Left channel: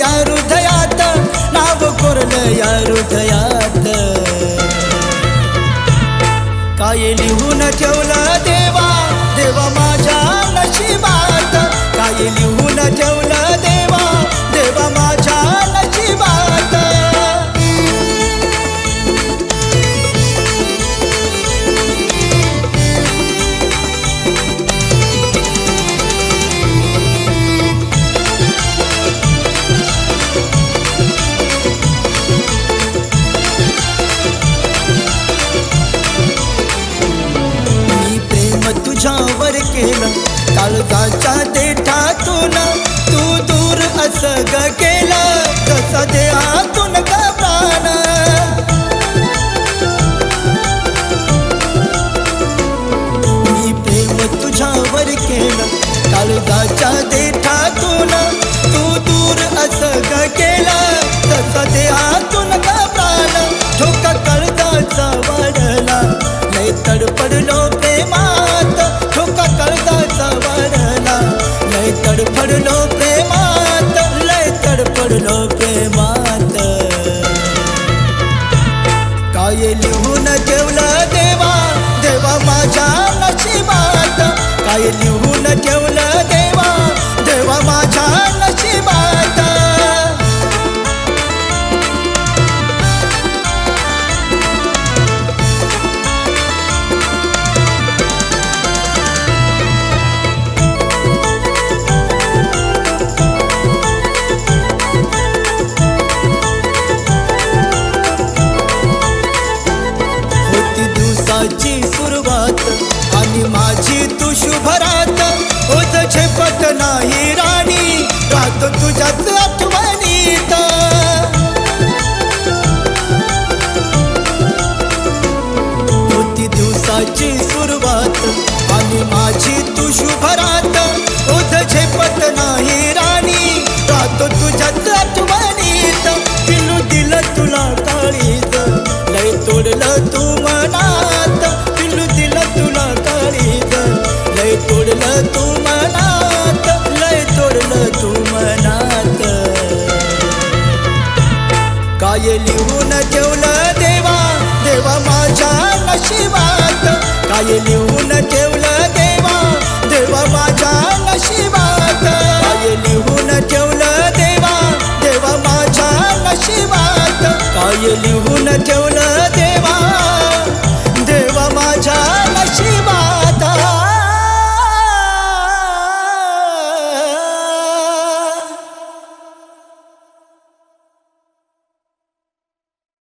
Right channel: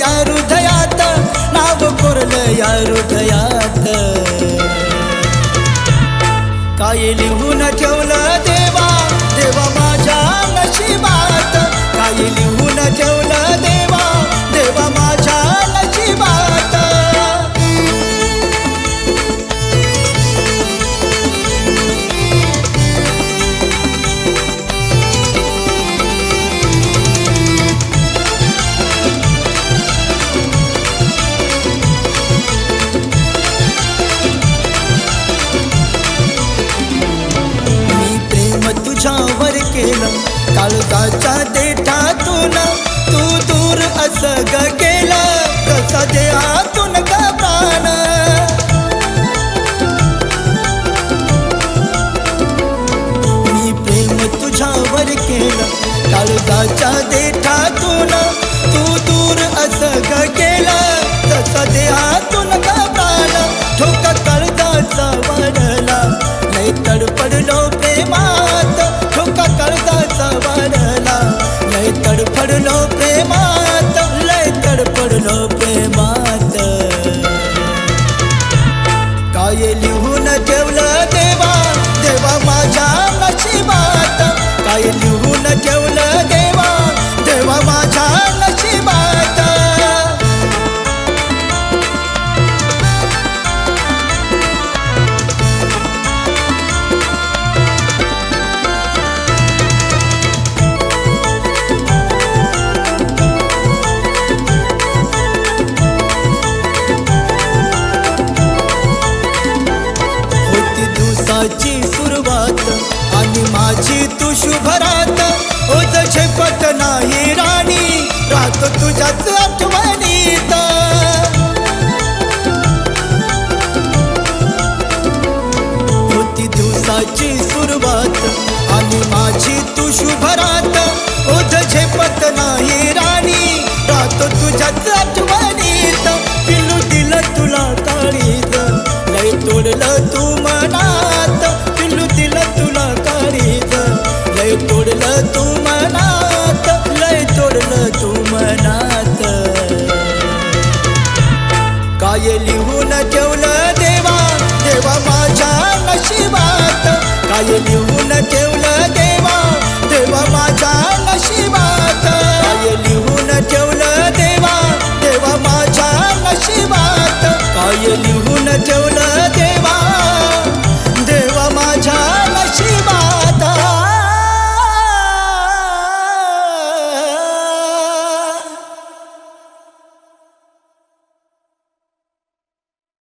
या हृदयात, नाव कोरलं या हृदयात. काय लिहून ठेवलं देवा, देवा माझ्या नशिबात. काय लिहून ठेवलं देवा, देवा माझ्या नशिबात. तुझ्यावर केलं काळजाच्या देठातून, तू दूर असं ग केलं जसा देहातून ग प्राण. मी प्रेम तुझ्यावर केलं काळजाच्या देठातून, तू दूर असं ग केलं जसा देहातून ग प्राण. ठोका काळजाचा वाढला लय तडपडलो प्रेमात. ठोका काळजाचा वाढला लय तडपडलो प्रेमात, लय तडपडलो प्रेमात. काय लिहून ठेवलं देवा, देवा माझ्या नशिबात. काय लिहून ठेवलं देवा, देवा माझ्या नशिबात. होती दिवसाची सुरुवात आणि माझी तू शुभरात. ओझ झेपत नाही राणी, राहतो तुझ्याच आठवणीत. होती दिवसाची सुरुवात आणि माझी तू शुभरात. ओझ झेपत नाही राणी, राहतो तुझ्याच आठवणीत. पिलू दिलं तुला काळीज लय तोडलं तू मनात. पिलू दिलं तुला काळीज लय तोडलं तू मनात, लय तोडलं तू मनात. काय लिहून ठेवलं देवा, देवा माझ्या नशिबात. काय लिहून ठेवलं देवा, देवा माझ्या नशिबात. काय लिहून ठेवलं देवा, देवा माझ्या नशिबात. काय लिहून